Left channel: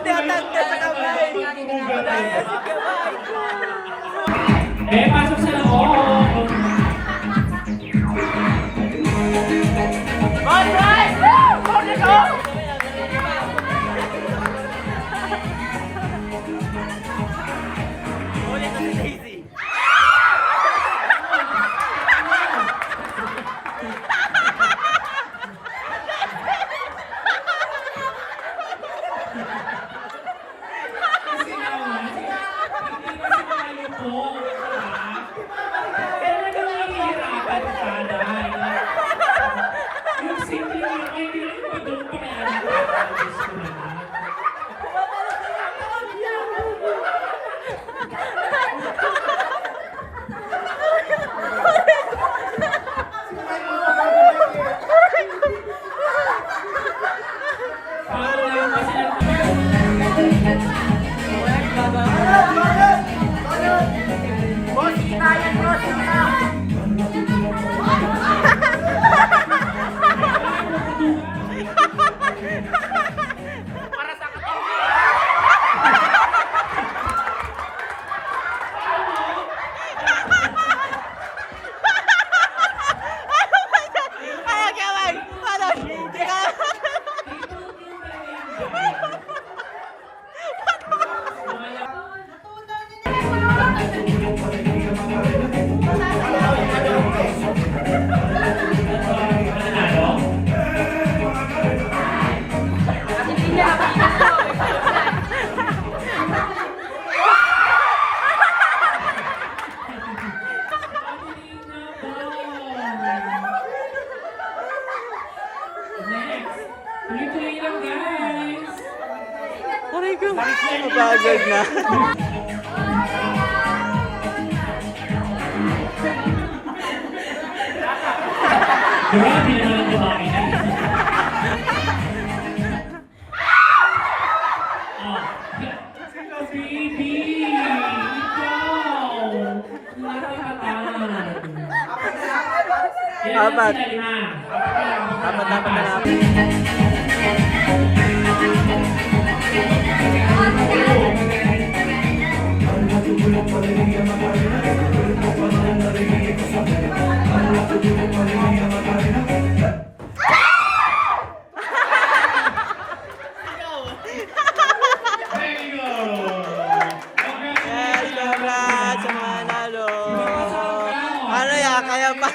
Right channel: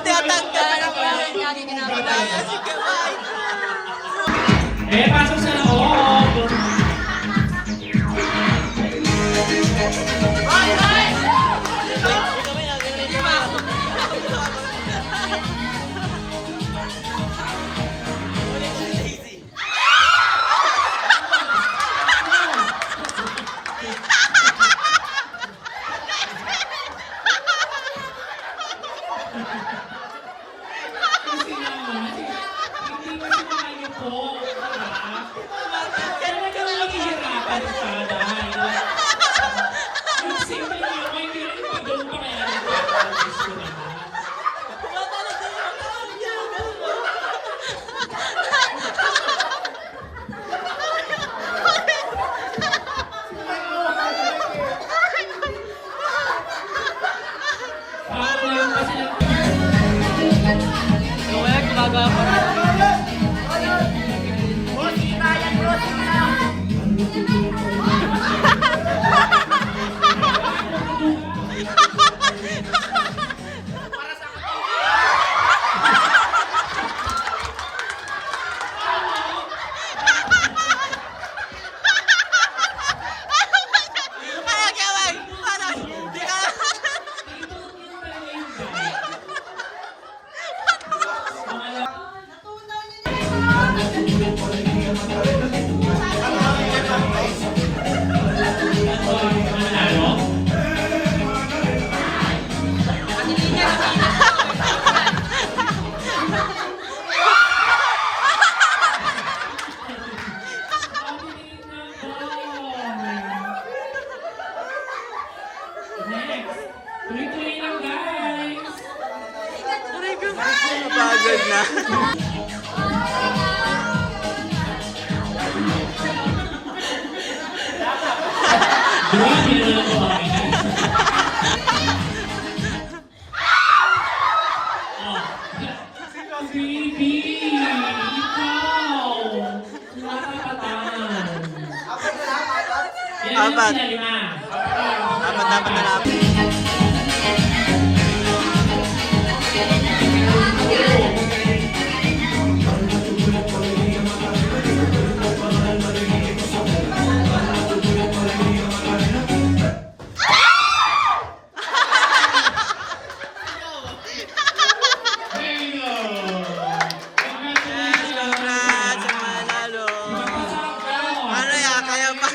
Tinatanggal sa kamay. Daya si kamay. Pasok sa loob. Tuloy-tuloy lang, guys. Aray ko. Mapagod na. Grabe na lang babae na. Baby! Ikaw! Nakakatawa. Apat. Apat na lang. Congrats sa manalo. Ano ya, kaya pa?